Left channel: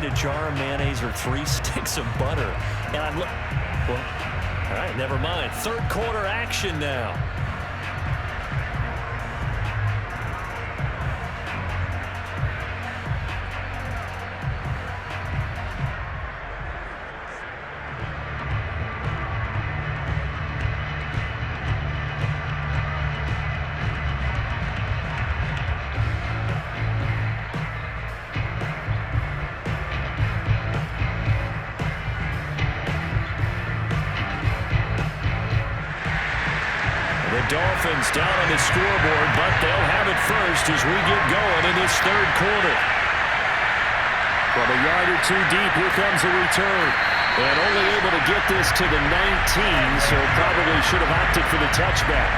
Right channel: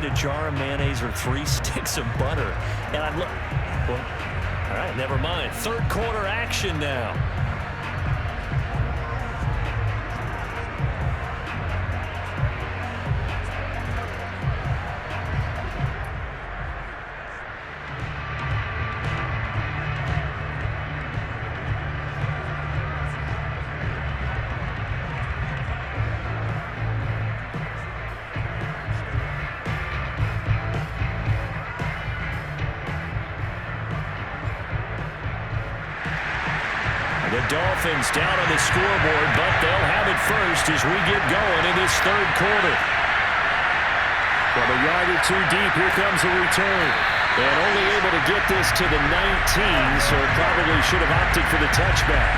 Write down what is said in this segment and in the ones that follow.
eat a jar of mayonnaise or 3 sticks of butter. And I look, well, all right, never mind. Third quarter action now. The Dolphins down on the scoreboard, but they'll have it first as we get going in this third quarter. From a yard or two deep, here comes a return. And only able to get this to the 19, so probably should have opted for the touchback.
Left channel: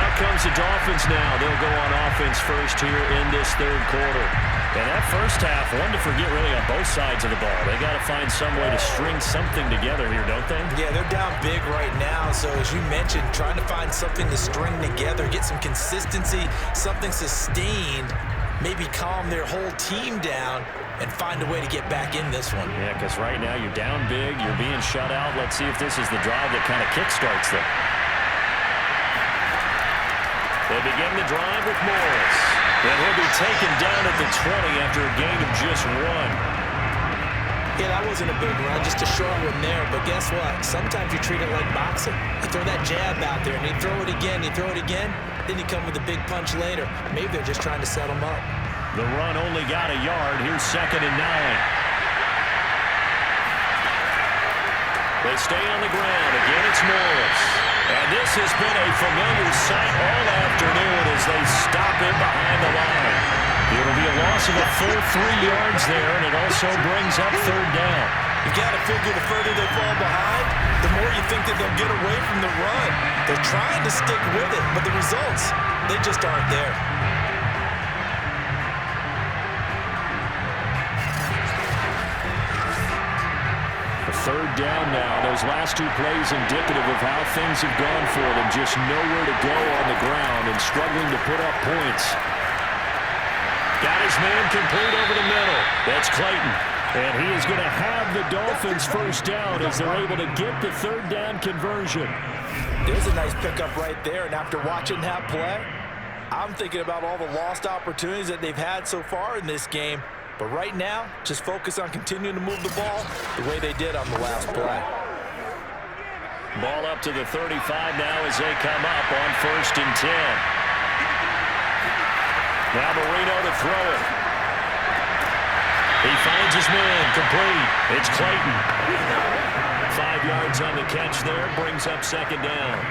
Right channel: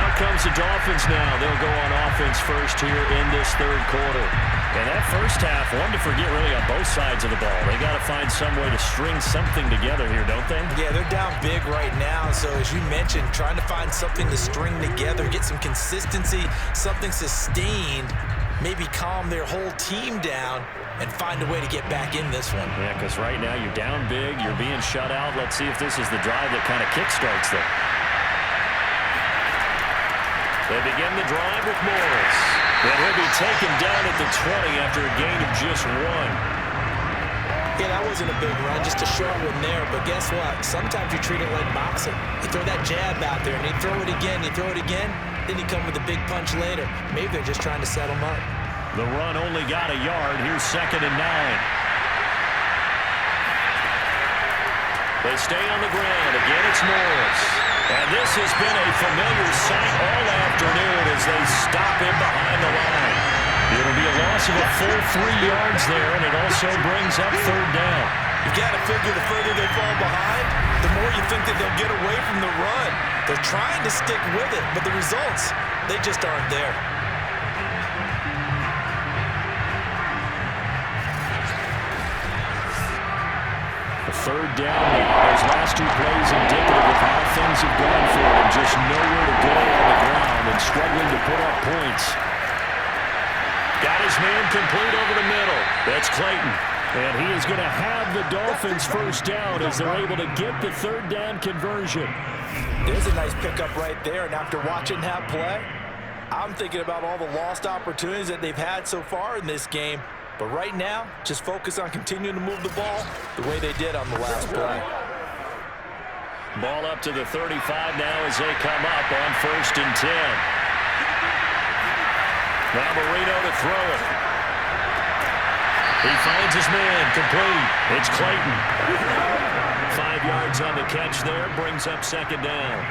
Out comes the Dolphins now. They'll go on offense first here in this third quarter. And that first half, one to forget really on both sides of the ball. They got to find some way to string something together here, don't they? Yeah, they're down big right now. So as you mentioned, trying to find something to string together, get some consistency, something sustained, maybe calm their whole team down and find a way to get back in this one. Yeah, because right now you're down big, you're being shut out. Let's see if this is the drive that kind of kickstarts them. They begin the drive with Morris. And he'll be taken down at the 20 after a gain of just 1. Yeah, that wasn't a big run, just a short one there. But guess what? Sometimes you treat it like boxing. You throw that jab out there, and you throw it again, then you come with a big punch later. Maybe they're just trying to set them up. The run only got a yard. Here's 2nd and 9. They stay on the ground. Again, it's Morris. And this has been a familiar sight all afternoon as they stop him behind the line. It'll be a loss of a full 3 yards there, and it also brings up 3rd down. You've got to figure the further they fall behind, the more you think that they'll get away from the run. They're trying to stick with it, but the results, they just aren't there. A 3rd down now. Those last 2 plays indicative of how things have gone for them. Just nowhere to go on the ground and struggling to put up points. Got his man complete over the middle. That's Clayton. And he is going to have the Dolphins first down as they're able to get the 3rd down conversion. There's a nice pickup right there, and after watching that play, I'm thinking about all the lost opportunities that they've had so far in this game. But right now, just focus on continuing to move the ball the way they did on the last play. Ball up to the 35 now as they come up on 1st and 10. Now Marino to throw it. He finds his man complete. It's Clayton. 5 yards on the catch there, brings up 2nd down.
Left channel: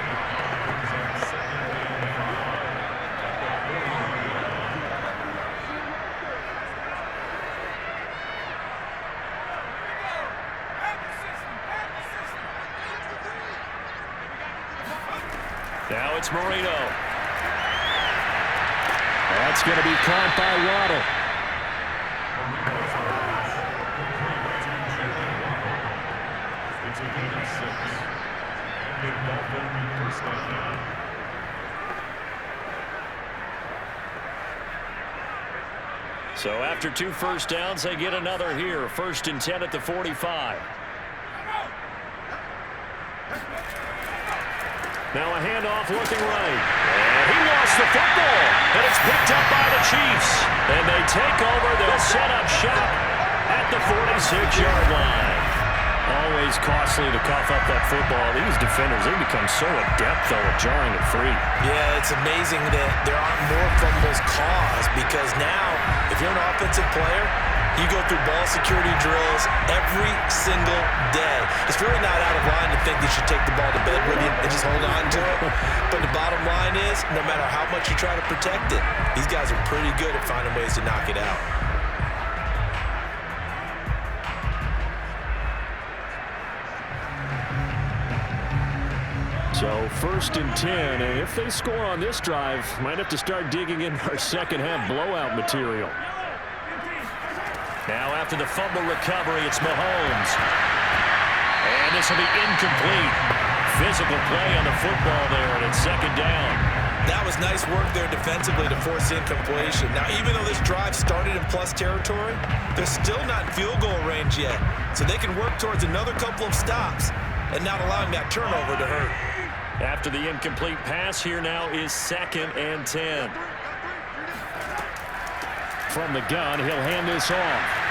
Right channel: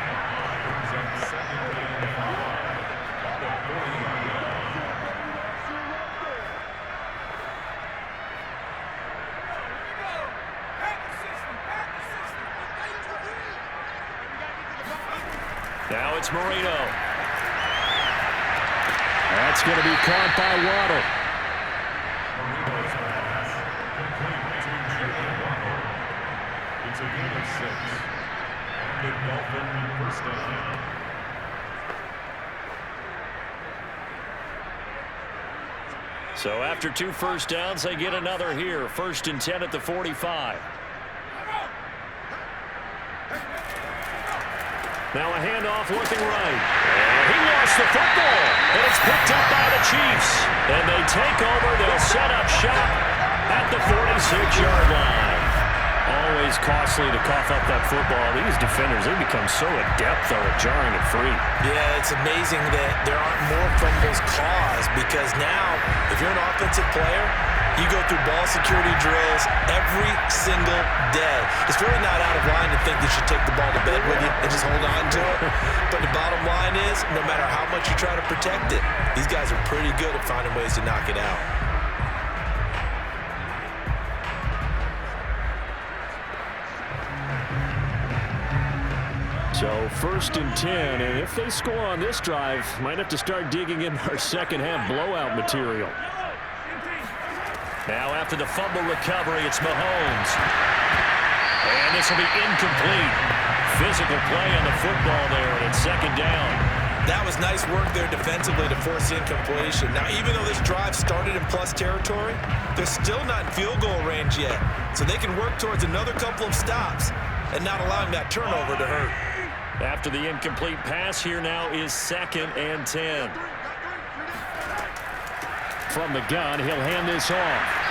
Now it's Marino. That's going to be caught by Waddle. It's a gain of 6. And the Dolphin first down. So after 2 first downs, they get another here. 1st and 10 at the 45. Now a handoff looking right. And he lost the football. And it's picked up by the Chiefs. And they take over. They'll set up shop at the 46-yard line. Always costly to cough up that football. These defenders, they become so adept, though, at jarring it free. Yeah, it's amazing that there aren't more fumbles caused because now, if you're an offensive player, you go through ball security drills every single day. It's really not out of line to think that you take the ball to bed with you and just hold on to it. But the bottom line is, no matter how much you try to protect it, these guys are pretty good at finding ways to knock it out. So 1st and 10, and if they score on this drive, might have to start digging in our second half blowout material. Now after the fumble recovery, it's Mahomes. And this will be incomplete. Physical play on the football there, and it's 2nd down. That was nice work there defensively to force the incompletion. Now, even though this drive started in plus territory, they're still not in field goal range yet. So they can work towards another couple of stops and not allowing that turnover to hurt. After the incomplete pass, here now is 2nd and 10. From the gun, he'll hand this off.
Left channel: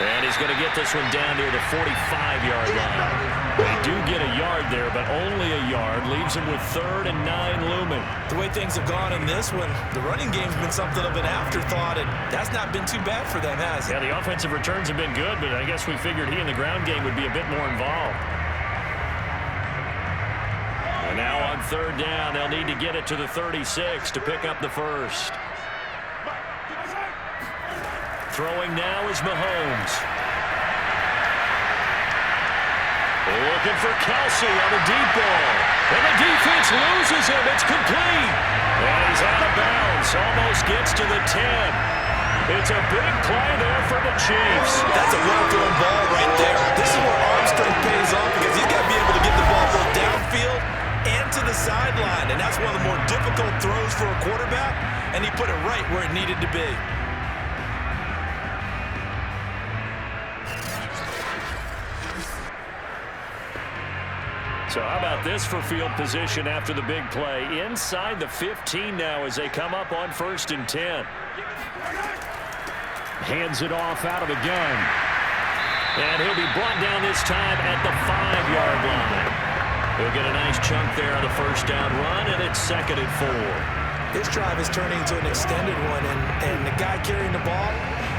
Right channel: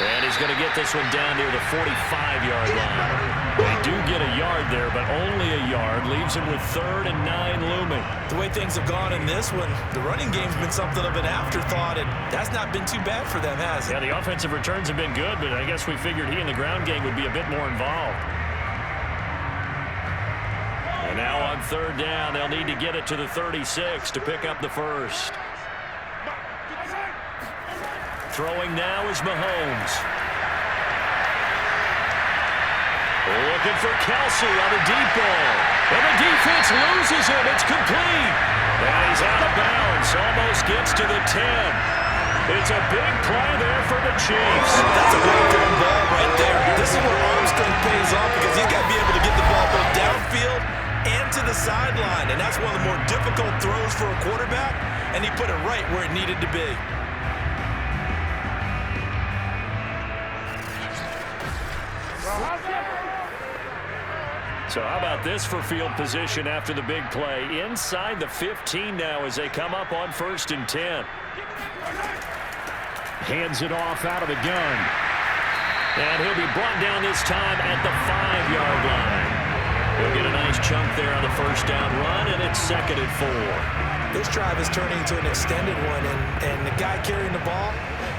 And he's going to get this one down near the 45-yard line. They do get a yard there, but only a yard. Leaves him with 3rd and 9 looming. The way things have gone in this one, the running game's been something of an afterthought, and that's not been too bad for them, has it? Yeah, the offensive returns have been good, but I guess we figured he in the ground game would be a bit more involved. And now on 3rd down, they'll need to get it to the 36 to pick up the first. Throwing now is Mahomes. Looking for Kelce on the deep ball. And the defense loses him. It's complete. And he's out of bounds. Almost gets to the 10. It's a big play there for the Chiefs. That's a well-thrown ball right there. This is where arm strength pays off because he's got to be able to get the ball both downfield and to the sideline. And that's one of the more difficult throws for a quarterback. And he put it right where it needed to be. So how about this for field position after the big play? Inside the 15 now as they come up on 1st and 10. Hands it off out of the gun. And he'll be brought down this time at the 5-yard line. He'll get a nice chunk there on the 1st down run, and it's 2nd and 4. This drive is turning into an extended one, and the guy carrying the ball,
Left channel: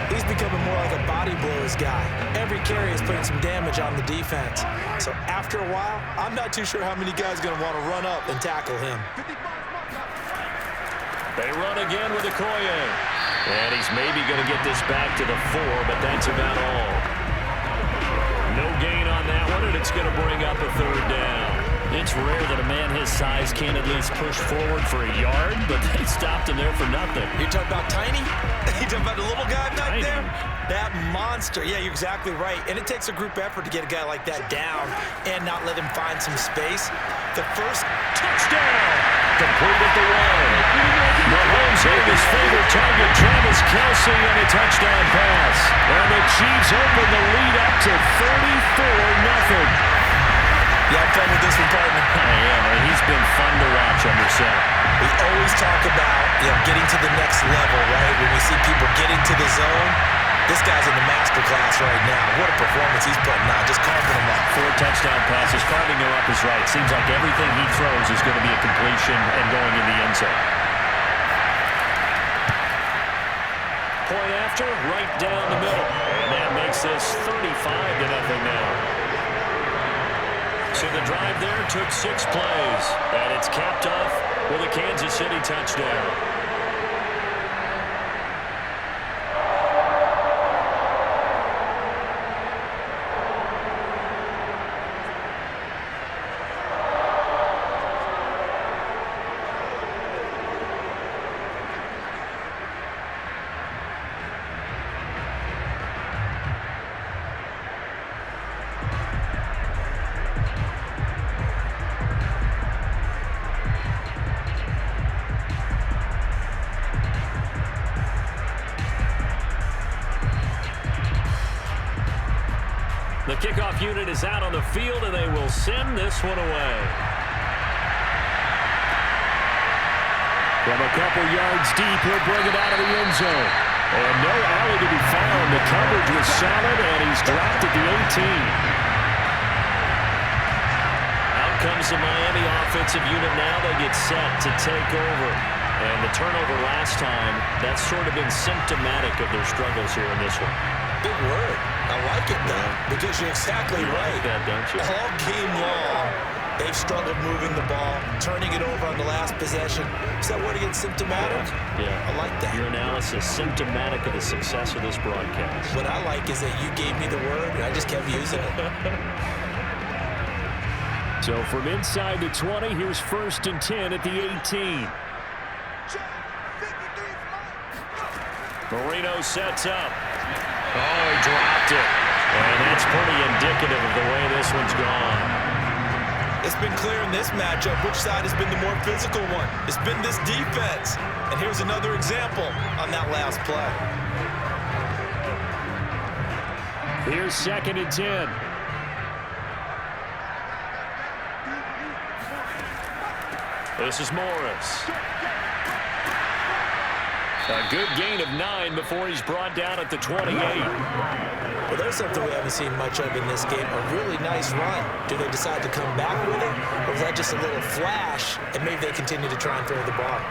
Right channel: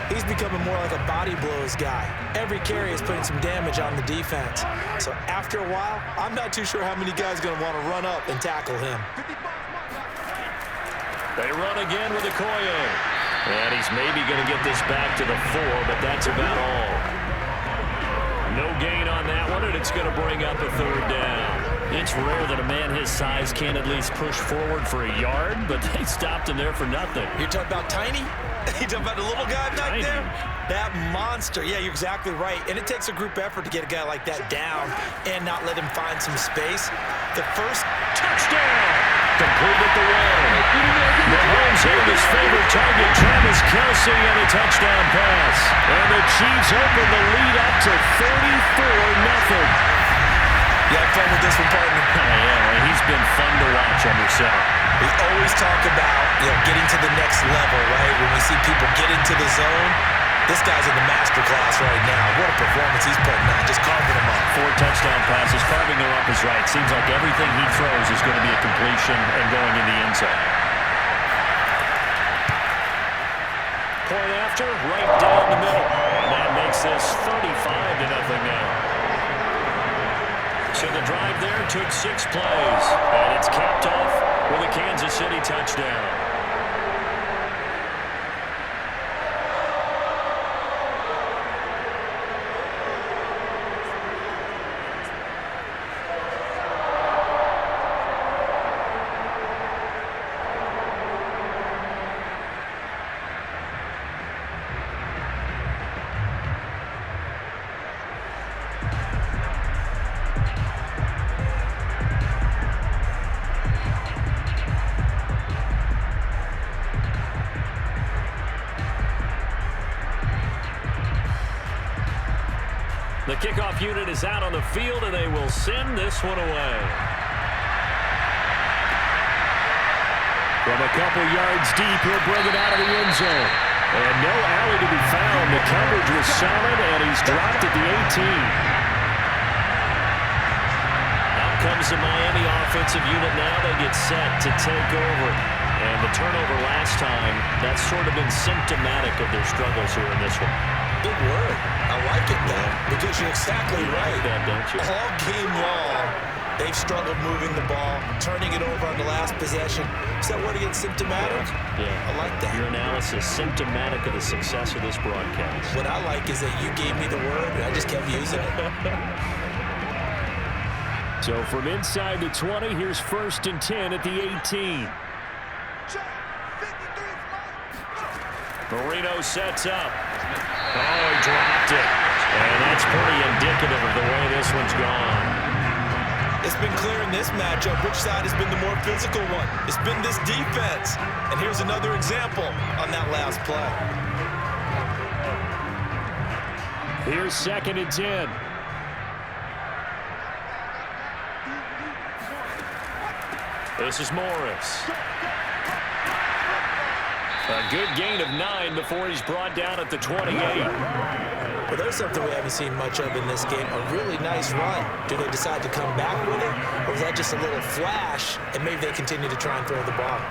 he's becoming more like a body blows guy. Every carry is putting some damage on the defense. So after a while, I'm not too sure how many guys are going to want to run up and tackle him. They run again with Okoye. And he's maybe going to get this back to the 4, but that's about all. No gain on that one, and it's going to bring up a 3rd down. It's rare that a man his size can't at least push forward for a yard, but they stopped him there for nothing. You're talking about tiny? You're talking about the little guy back Tiny. there? That monster. Yeah, you're exactly right. And it takes a group effort to get a guy like that down and not let him find some space. The first Touchdown! Complete at the 1. Mahomes hitting his favorite target, Travis Kelce, and a touchdown pass. And the Chiefs open the lead up to 34-0. You have fun with this one, partner? I am. He's been fun to watch under center. We always talk about, getting to the next level, right? When we see people get into the zone, this guy's in the master class right now. What a performance he's putting on, just carving them up. 4 touchdown passes. Carving them up is right. Seems like everything he throws is going to be a completion and going in the end zone. Point after, right down the middle. And that makes this 35-0 now. So the drive there took 6 plays, and it's capped off with a Kansas City touchdown. The kickoff unit is out on the field, and they will send this one away. From a couple yards deep, he'll bring it out of the end zone. And no alley to be found. The coverage was solid, and he's dropped at the 18. Out comes the Miami offensive unit now. They get set to take over. And the turnover last time, that's sort of been symptomatic of their struggles here in this one. Big word. I like it, though, because you're exactly right. Like that, don't you? All game long, they've struggled moving the ball, turning it over on the last possession. Is that word again, symptomatic? Yeah. I like that. Your analysis, symptomatic of the success of this broadcast. What I like is that you gave me the word, and I just kept using it. So from inside the 20, here's 1st and 10 at the 18. Marino sets up. Oh, he dropped it. And that's pretty indicative of the way this one's gone. It's been clear in this matchup which side has been the more physical one. It's been this defense. And here's another example on that last play. Here's 2nd and 10. This is Morris. A good gain of 9 before he's brought down at the 28. Well, there's something we haven't seen much of in this game, a really nice run. Do they decide to come back with it, or was that just a little flash, and maybe they continue to try and throw the ball?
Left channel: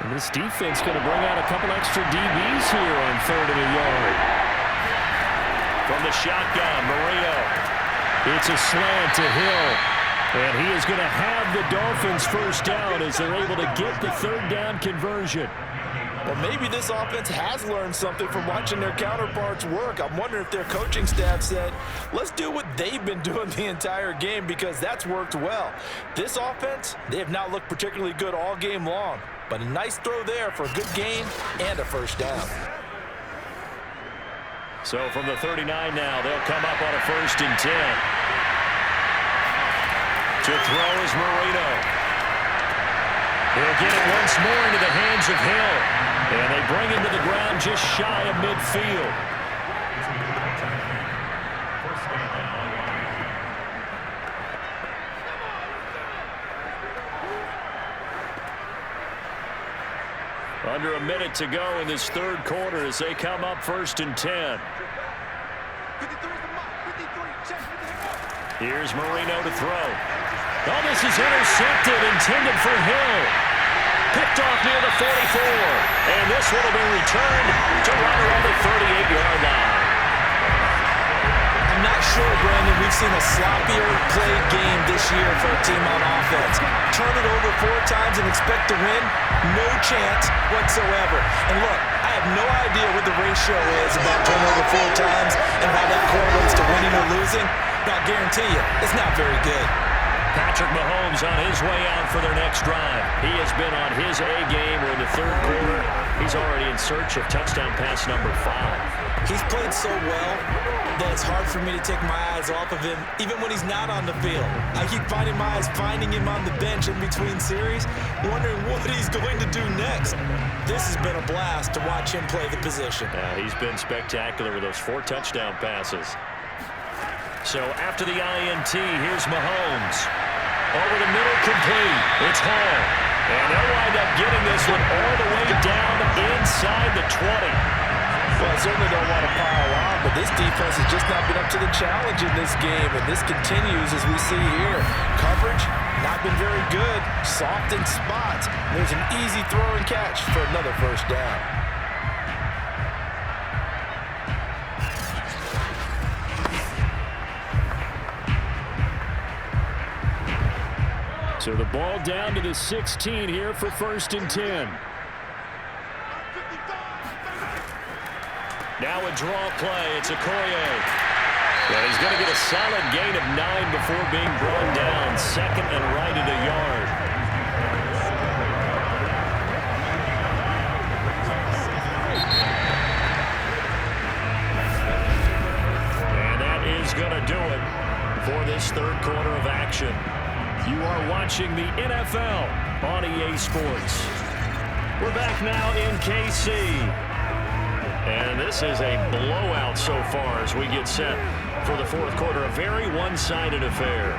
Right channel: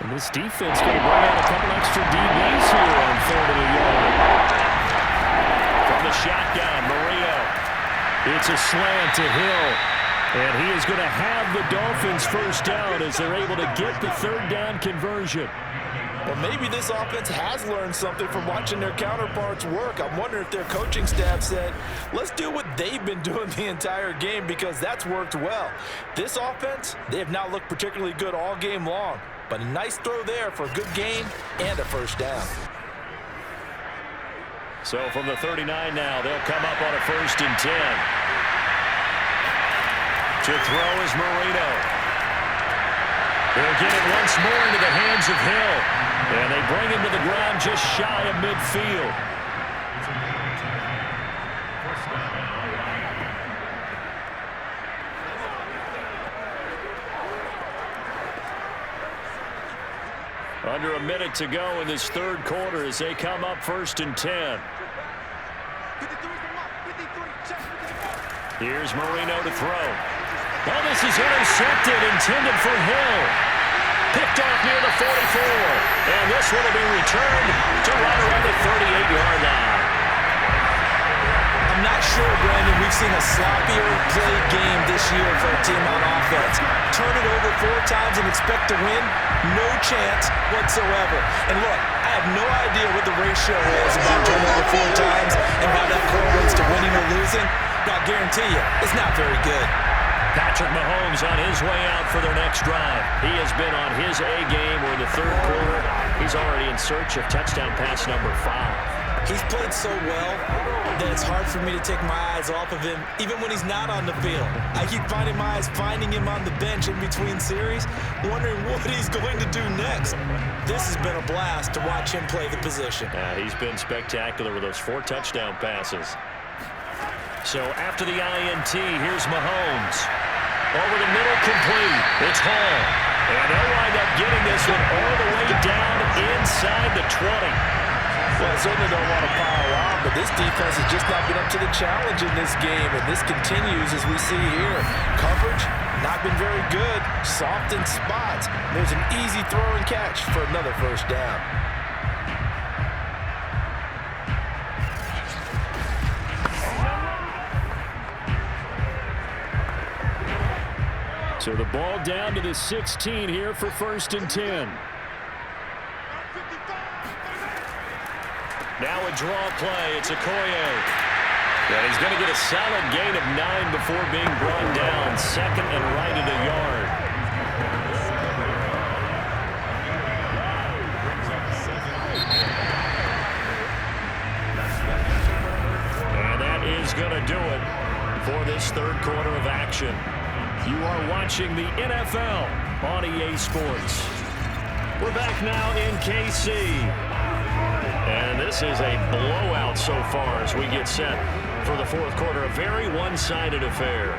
And this defense going to bring out a couple extra DBs here on 3rd and a yard. From the shotgun, Marino. It's a slant to Hill. And he is going to have the Dolphins first down as they're able to get the 3rd down conversion. Well, maybe this offense has learned something from watching their counterparts work. I'm wondering if their coaching staff said, let's do what they've been doing the entire game, because that's worked well. This offense, they have not looked particularly good all game long, but a nice throw there for a good gain and a first down. So from the 39 now, they'll come up on a 1st and 10. To throw is Marino. He'll get it once more into the hands of Hill. And they bring him to the ground just shy of midfield. Under a minute to go in this 3rd quarter as they come up 1st and 10. Here's Marino to throw. Oh, this is intercepted, intended for Hill. Picked off near the 44. And this one will be returned to right around the 38-yard line. I'm not sure, Brandon, we've seen a sloppier played game this year for a team on offense. Turn it over 4 times and expect to win? No chance whatsoever. And look, I have no idea what the ratio is about turnover 4 times and how that correlates to winning or losing. But I'll guarantee you, it's not very good. Patrick Mahomes on his way out for their next drive. He has been on his A game. We're in the 3rd quarter. He's already in search of touchdown pass number 5. He's played so well that it's hard for me to take my eyes off of him, even when he's not on the field. I keep finding my eyes finding him on the bench in between series, wondering what he's going to do next. This has been a blast to watch him play the position. He's been spectacular with those 4 touchdown passes. So after the INT, here's Mahomes. Over the middle, complete. It's Hall. And they'll wind up getting this one all the way down inside the 20. Well, I certainly don't want to pile on, but this defense has just not been up to the challenge in this game, and this continues as we see here. Coverage, not been very good. Soft in spots. There's an easy throw and catch for another first down. So the ball down to the 16 here for 1st and 10. Now a draw play. It's Okoye. And he's going to get a solid gain of 9 before being brought down. 2nd and right at a yard. And that is going to do it for this 3rd quarter of action. You are watching the NFL on EA Sports. We're back now in KC. And this is a blowout so far as we get set for the 4th quarter. A very one-sided affair.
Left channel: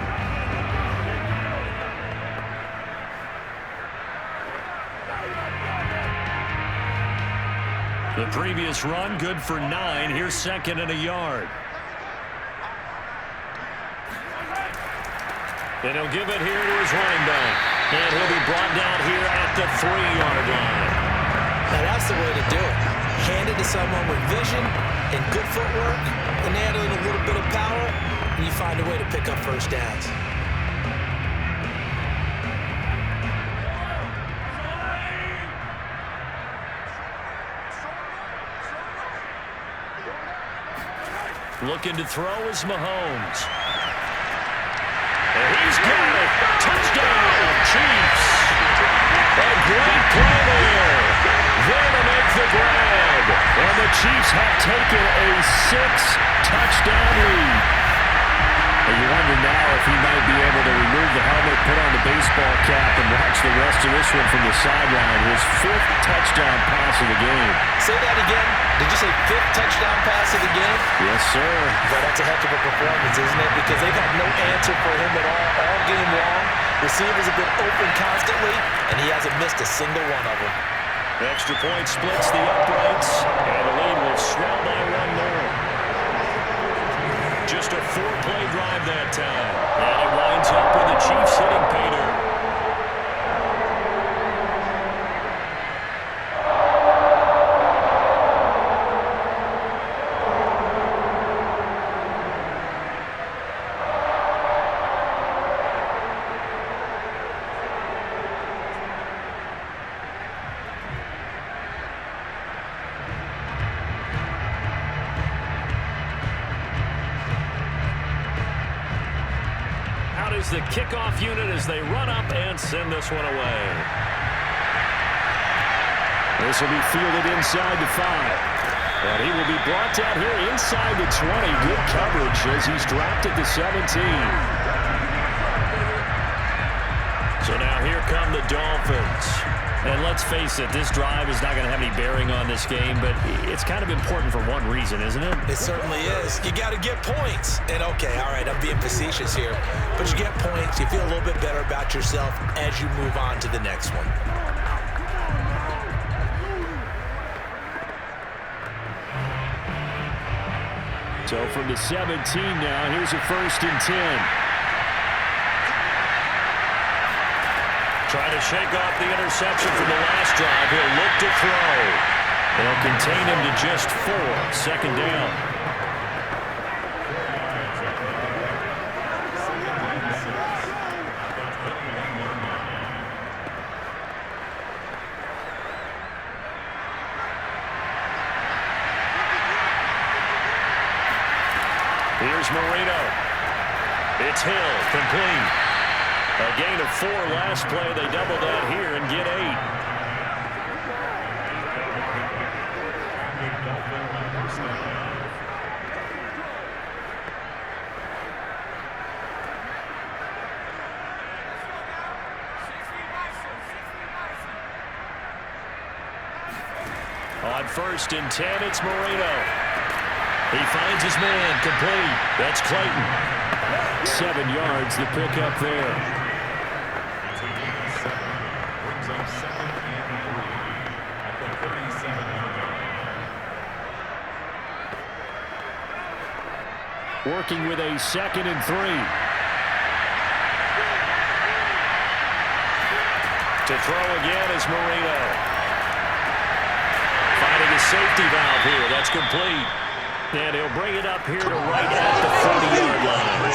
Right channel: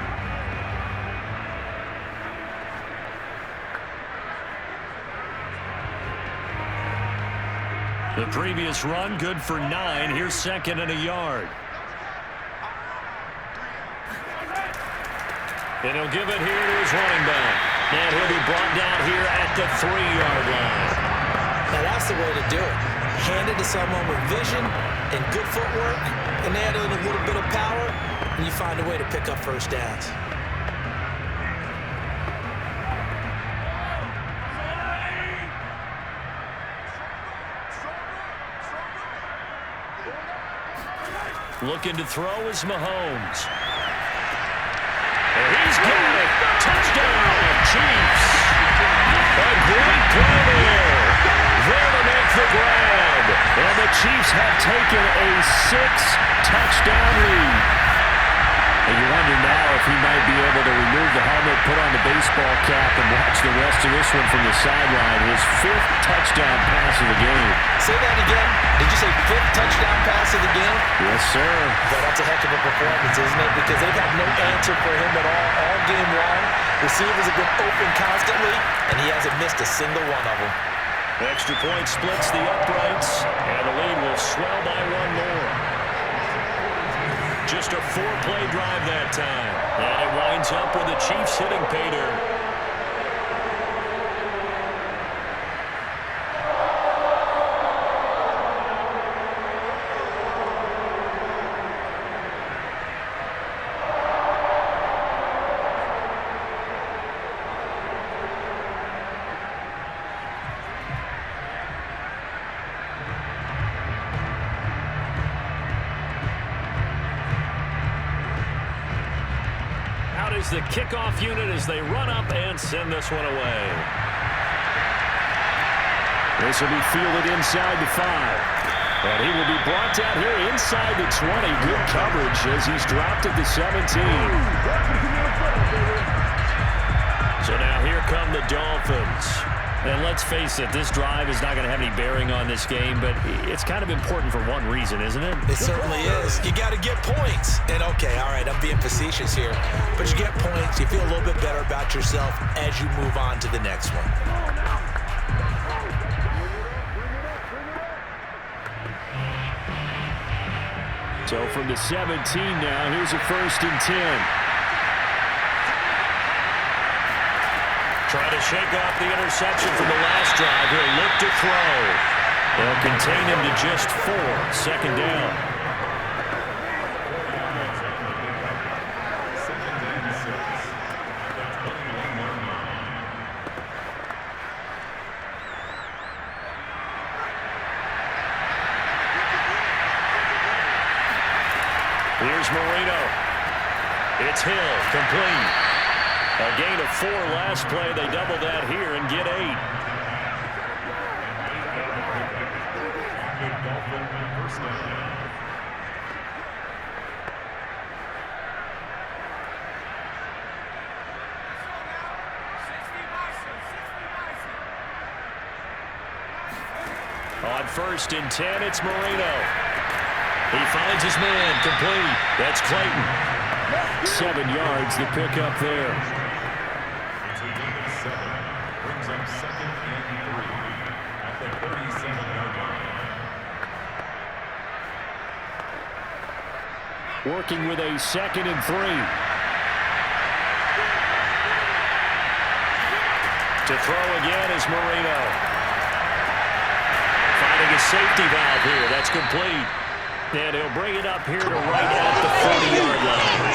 The previous run good for 9. Here's 2nd and a yard. And he'll give it here to his running back. And he'll be brought down here at the 3-yard line. Now that's the way to do it. Hand it to someone with vision and good footwork, and add in a little bit of power, and you find a way to pick up first downs. Looking to throw is Mahomes. And he's got it. Touchdown, Chiefs. A great play there. There to make the grab. And the Chiefs have taken a 6-touchdown lead. And you wonder now if he might be able to remove the helmet, put on the baseball cap, and watch the rest of this one from the sideline. His 5th touchdown pass of the game. Say that again. Did you say 5th touchdown pass of the game? Yes, sir. But that's a heck of a performance, isn't it? Because they've had no answer for him at all game long. Receivers have been open constantly, and he hasn't missed a single one of them. Extra point splits the uprights, and the lead will swell by 1 more. Just a 4-play drive that time. And it winds up with the Chiefs hitting pay dirt. Is the kickoff unit as they run up and send this one away. This will be fielded inside the 5. And he will be brought down here inside the 20. Good coverage as he's dropped at the 17. So now here come the Dolphins. And let's face it, this drive is not going to have any bearing on this game, but it's kind of important for one reason, isn't it? It certainly is. You got to get points. And okay, all right, I'm being facetious here, but you get points, you feel a little bit better about yourself as you move on to the next one. So from the 17 now, here's a 1st and 10. Trying to shake off the interception from the last drive. He'll look to throw. They'll contain him to just 4. 2nd down. Here's Marino. It's Hill, complete. A gain of 4 last play. They double that here and get 8. On 1st and 10, it's Marino. He finds his man, complete. That's Clayton. 7 yards, the pickup there. Brings up 2nd and 3 at the 37-yard line. Working with a 2nd and 3. To throw again is Marino. Finding a safety valve here. That's complete. And he'll bring it up here to right at the 40-yard line.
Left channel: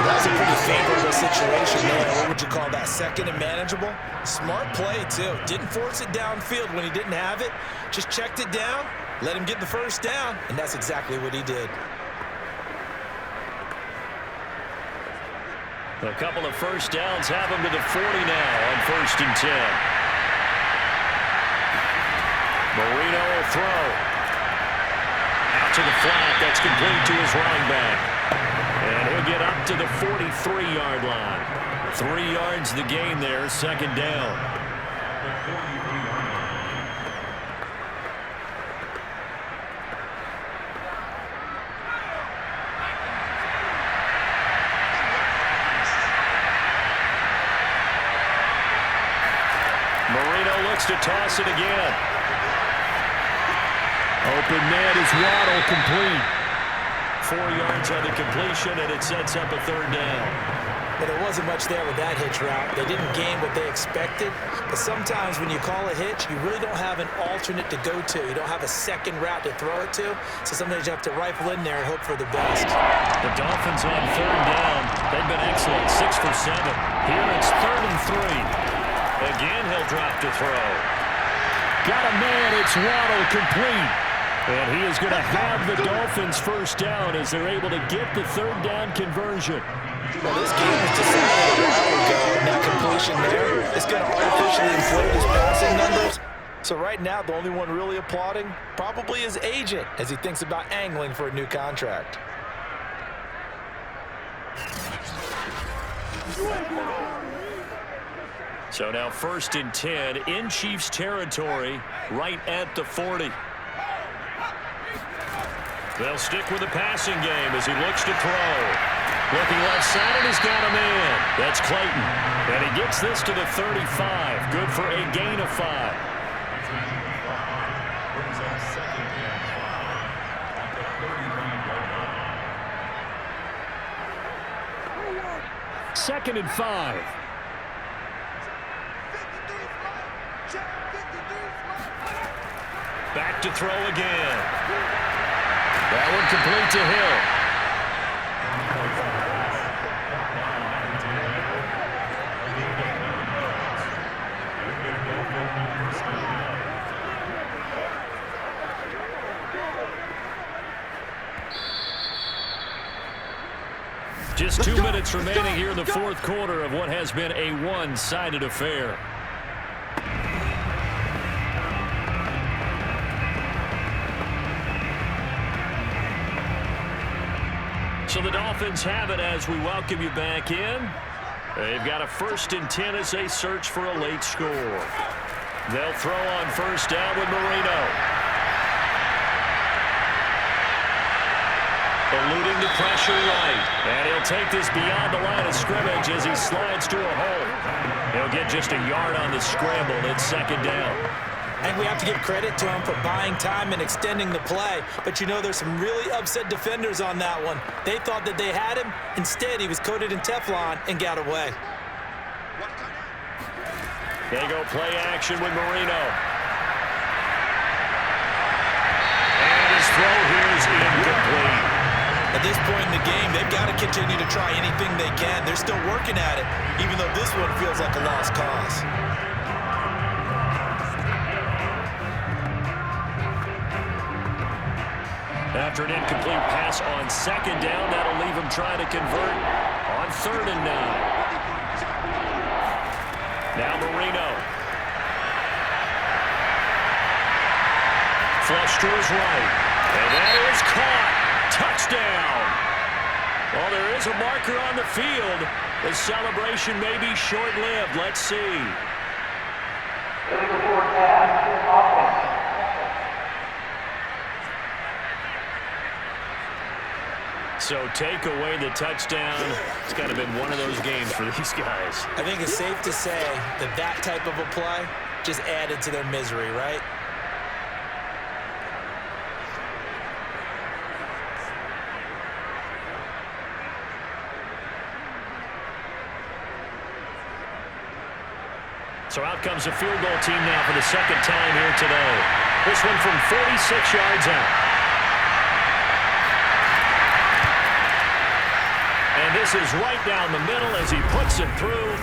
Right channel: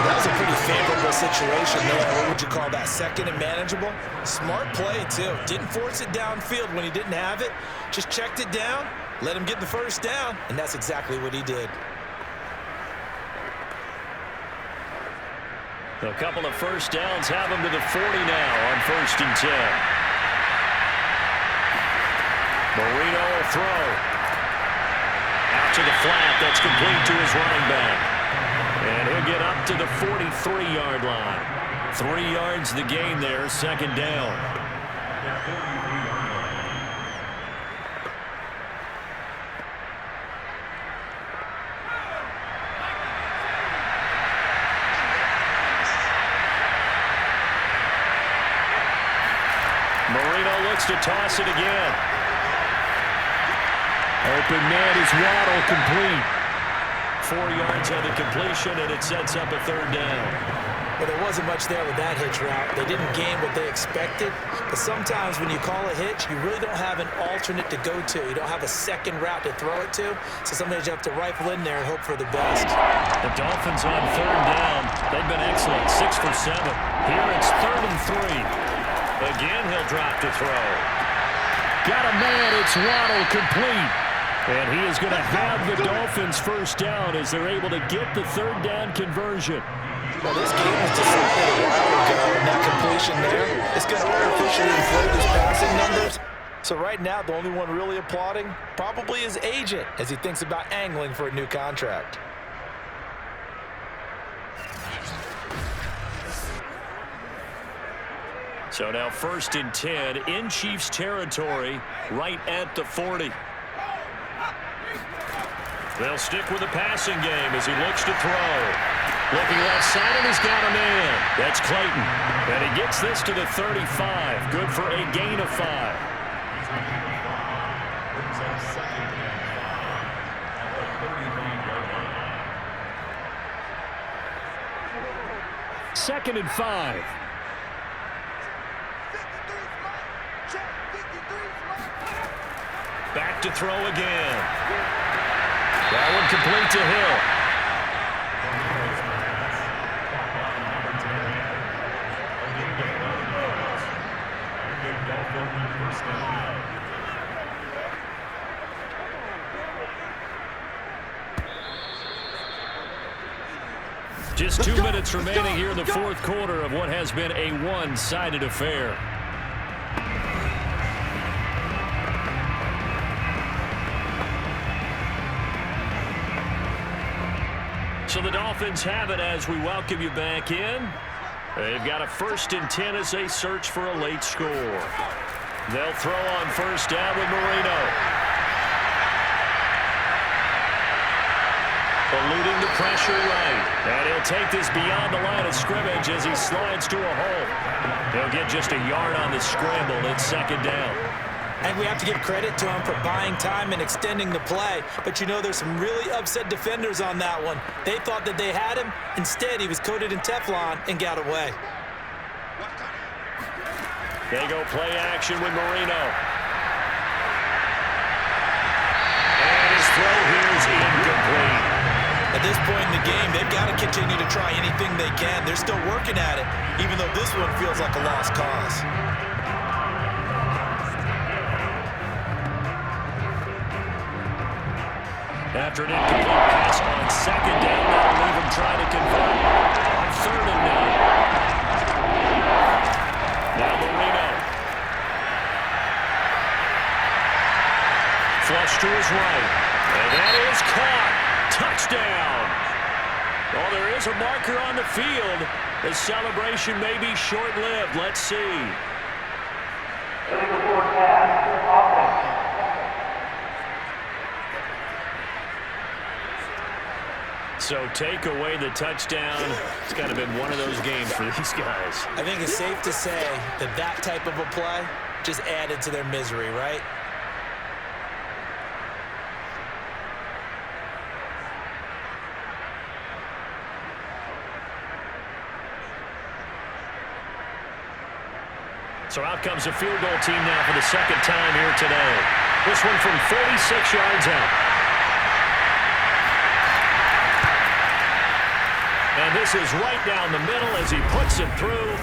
That was a pretty favorable situation there. What would you call that? 2nd and manageable? Smart play, too. Didn't force it downfield when he didn't have it. Just checked it down, let him get the 1st down, and that's exactly what he did. A couple of 1st downs have him to the 40 now on 1st and 10. Marino will throw. Out to the flat. That's complete to his running back. And he'll get up to the 43-yard line. 3 yards the gain there, 2nd down. Marino looks to toss it again. Open man is Waddle, complete. 4 yards on the completion, and it sets up a 3rd down. Well, there wasn't much there with that hitch route. They didn't gain what they expected. But sometimes when you call a hitch, you really don't have an alternate to go to. You don't have a 2nd route to throw it to. So sometimes you have to rifle in there and hope for the best. The Dolphins on 3rd down. They've been excellent, 6 for 7. Here it's 3rd and 3. Again, he'll drop to throw. Got a man, it's Waddle, complete. And he is going to have the Dolphins 1st down as they're able to get the 3rd down conversion. Well, this game was decided a while ago, and that completion there is going to artificially inflate his passing numbers. So right now, the only one really applauding probably his agent as he thinks about angling for a new contract. So now 1st and 10 in Chiefs territory, right at the 40. They'll stick with the passing game as he looks to throw. Looking left side, and he's got a man. That's Clayton. And he gets this to the 35. Good for a gain of 5. Brings up 2nd and 5 at the 35-yard line. 2nd and 5. Back to throw again. That one complete to Hill. Just 2 minutes remaining here in the 4th quarter of what has been a one-sided affair. So the Dolphins have it as we welcome you back in. They've got a 1st and 10 as they search for a late score. They'll throw on 1st down with Marino. Eluding the pressure right. And he'll take this beyond the line of scrimmage as he slides to a hole. He'll get just a yard on the scramble. It's 2nd down. And we have to give credit to him for buying time and extending the play. But, you know, there's some really upset defenders on that one. They thought that they had him. Instead, he was coated in Teflon and got away. They go play action with Marino. And his throw here is incomplete. At this point in the game, they've got to continue to try anything they can. They're still working at it, even though this one feels like a lost cause. After an incomplete pass on 2nd down, that'll leave him trying to convert on 3rd and 9. Now Marino. Flush to his right. And that is caught. Touchdown. Well, there is a marker on the field. The celebration may be short-lived. Let's see. So take away the touchdown. It's kind of been one of those games for these guys. I think it's safe to say that that type of a play just added to their misery, right? So out comes a field goal team now for the 2nd time here today. This one from 46 yards out. And this is right down the middle as he puts it through.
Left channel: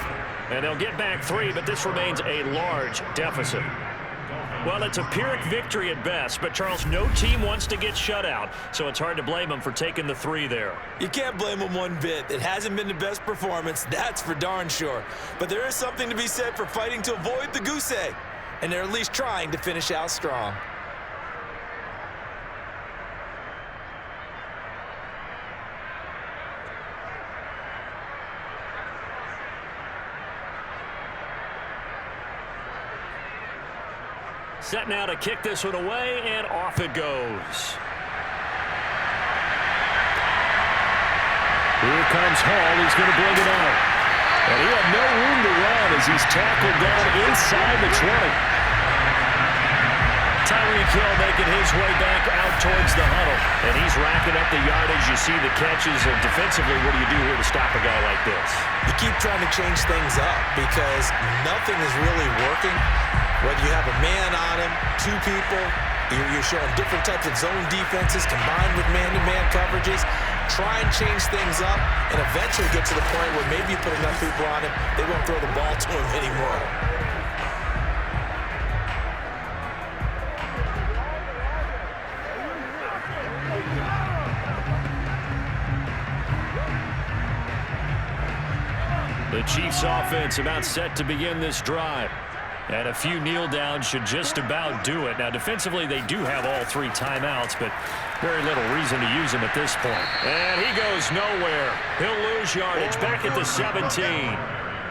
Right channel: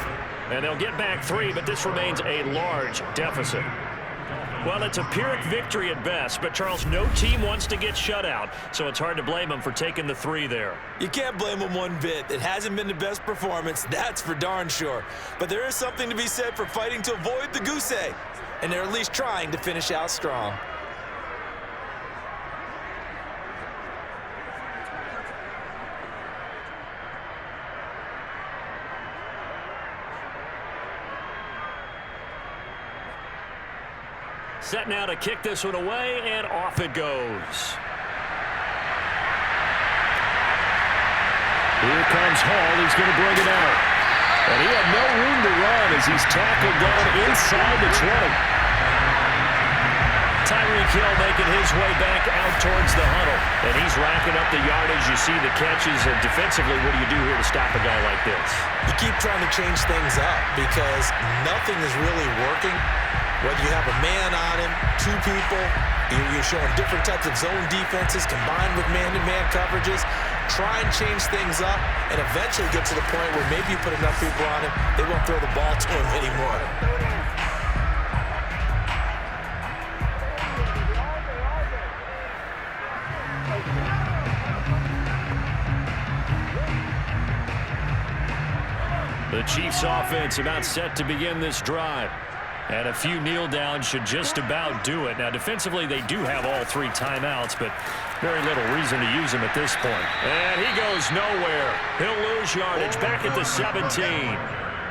And they'll get back 3, but this remains a large deficit. Well, it's a Pyrrhic victory at best, but, Charles, no team wants to get shut out, so it's hard to blame them for taking the 3 there. You can't blame them one bit. It hasn't been the best performance, that's for darn sure. But there is something to be said for fighting to avoid the goose egg, and they're at least trying to finish out strong. Set now to kick this one away, and off it goes. Here comes Hall. He's going to bring it out. And he had no room to run as he's tackled down inside the 20. Tyreke Hill making his way back out towards the huddle. And he's racking up the yardage. You see the catches. And defensively, what do you do here to stop a guy like this? You keep trying to change things up because nothing is really working. Whether you have a man on him, 2 people, you're showing different types of zone defenses combined with man-to-man coverages. Try and change things up and eventually get to the point where maybe you put enough people on him, they won't throw the ball to him anymore. The Chiefs offense about set to begin this drive. And a few kneel downs should just about do it. Now, defensively, they do have all 3 timeouts, but very little reason to use them at this point. And he goes nowhere. He'll lose yardage back at the 17.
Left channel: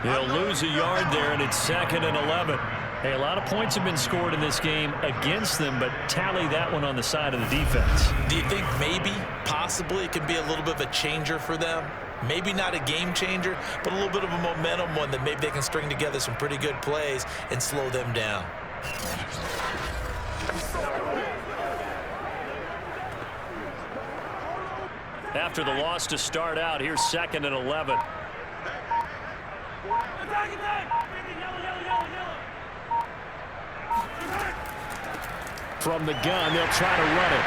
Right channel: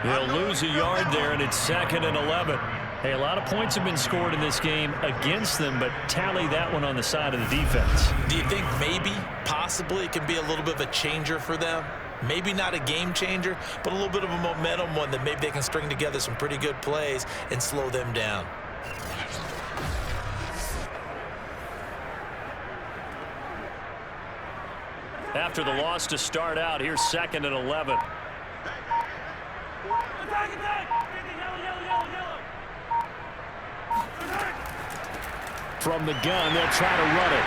He'll lose a yard there, and it's 2nd and 11. Hey, a lot of points have been scored in this game against them, but tally that one on the side of the defense. Do you think maybe, possibly, it can be a little bit of a changer for them? Maybe not a game changer, but a little bit of a momentum one that maybe they can string together some pretty good plays and slow them down. After the loss to start out, here's 2nd and 11. From the gun, they'll try to run it.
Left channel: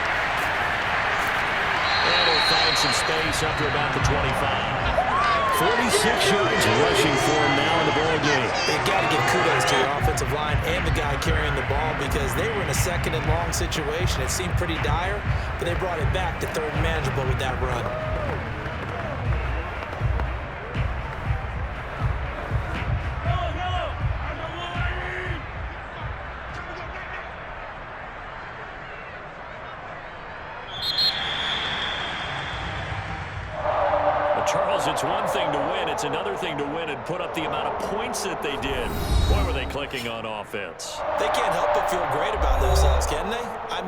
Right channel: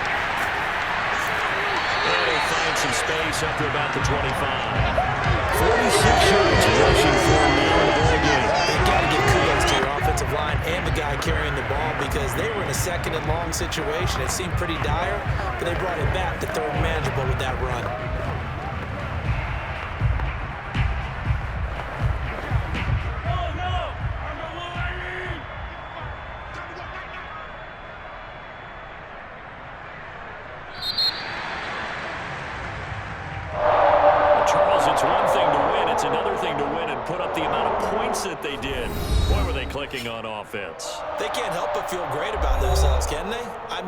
And he'll find some space up to about the 25. 46 yards rushing for him now in the ball game. They've got to give kudos to your offensive line and the guy carrying the ball because they were in a 2nd and long situation. It seemed pretty dire, but they brought it back to 3rd and manageable with that run. It's one thing to win. It's another thing to win and put up the amount of points that they did. Boy, were they clicking on offense. They can't help but feel great about themselves, can they?